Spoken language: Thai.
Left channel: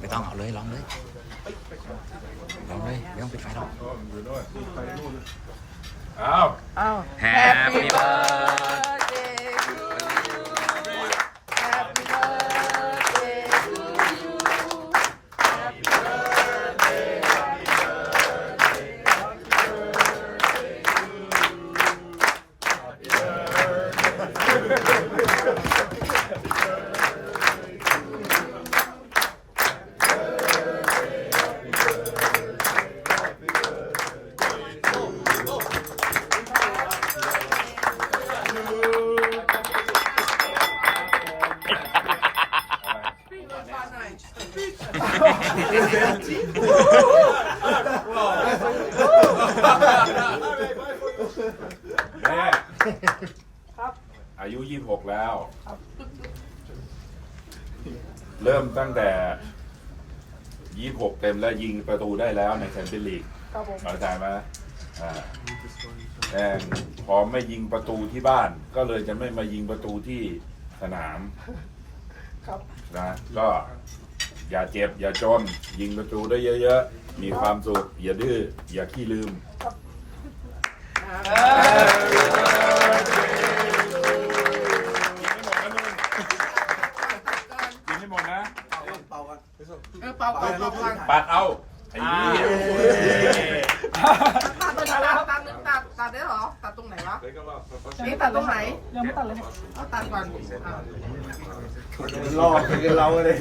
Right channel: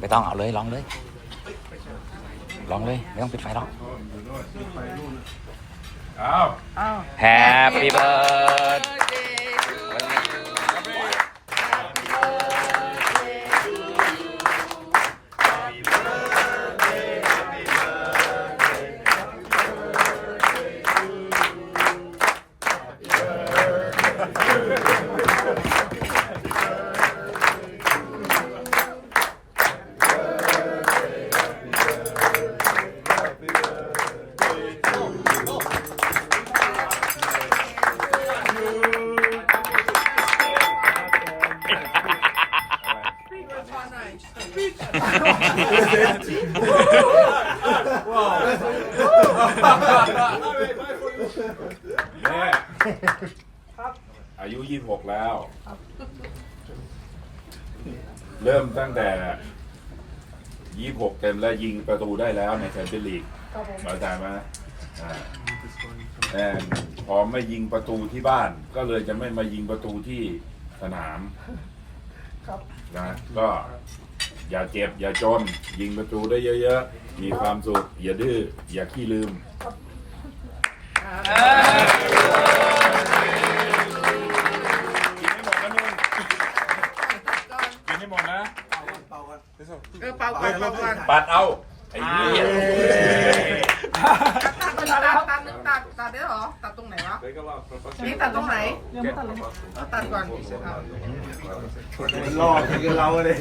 ไม่ต้องเอาเลยลองเลยลองเลยไม่ต้องปิดไฟหรอก อ้าว Happy birthday เนี่ยอายุยี่สิบหกแล้ว เริ่มตั้งแต่ยี่สิบหกเต็มแล้วยิงประตูได้แล้วในแชมเปี้ยนลีกเข้าใจไหมอ่าแต่พอไม่ยิงประตูที่บ้าน ก็เลยจะไม่มายิงประตูที่ สนามนะก็อย่าเจ็บ อย่าจน ยิงประตูได้เยอะๆ มีความสุข อย่าดื้อ อย่าขี้ลืม กินให้หมดนะเออเป่าก่อนเป่าก่อน ปัดเอา ไอ้เหี้ยตั ตัดตัดได้เหรอ ตัดตรงไหนวะ นี่ตัดตรงไหน เริ่มตัดเลยเอาตัดก่อนอะรอคือเราเลย